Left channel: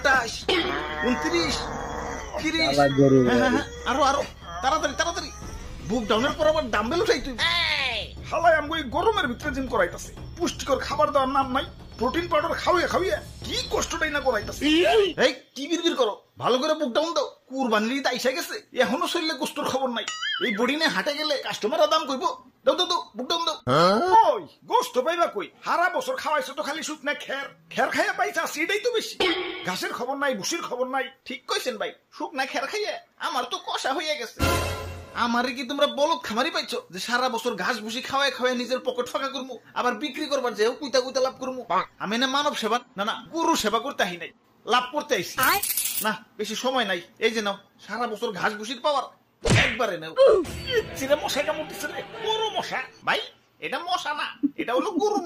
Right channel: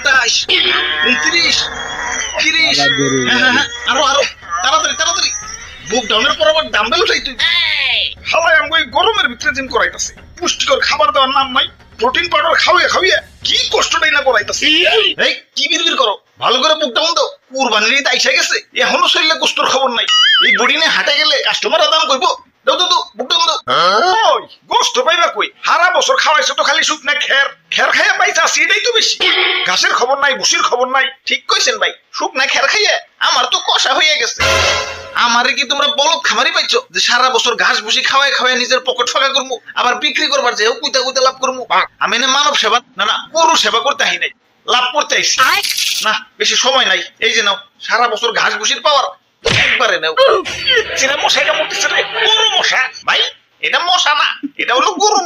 28, 29, 30, আরো আরো তাড়াতাড়ি তাড়াতাড়ি। বুক ডাউনের পর আবার ডাম্বেল উঠাই তুই। হালাই আমগো এই গরমের ভিতরে জিম করাইতাছে, পুষ্টিকর খাবার দেওয়ার নাম নাই, প্রোটিন পাউডার খাওয়া খাওয়া কি কষ্টটাই না করাইতাছে। এই কি বিড়বিড় করো, ভালো করে বুক ডাউন দাও। কুরবানির ঈদ আইসা গেছে, এখনো শরীরে কষ্টর খবর নাই। এই বডি নিয়ে হাঁটে গেলে কাস্টমাররা দাম কইব। দাও দাও দাও, বুক ডাউন দাও। ওই গোস্ত পাইবা কই? সারা বছর খাওয়াইছো তো খালি শুকনা খের, খের খাইয়া পাইছা সেটাই তো বেশি। ঘাসের খবর নাই, ভুসির খবর নাই। ঠিক কইছেন ভাই, শুকনা খের খাইয়া আমার তো কষা হইয়া গেছে। আমারে কি তোমরা বলদ খামারি পাইছো যে সারা বছর ঘাস ভুসি খাওয়াই খাওয়াই নিজের পকেট ফাঁকা করবো, আবার বিক্রি করবার যে কুইতা কুইতা লাভ করবো? আমি না মানব সেবা না না গরু সেবা করতে আহি নাই, লাভ করতে আইছি। না বেশি সময় নাই, এই যে নাও সারা বছর ঘাস ভুসির পাওয়ার একবারে নাও। মশাইটা মরতেছে রে, গরু মশা ভাই, এটা মশা না, এটা হলো গরু।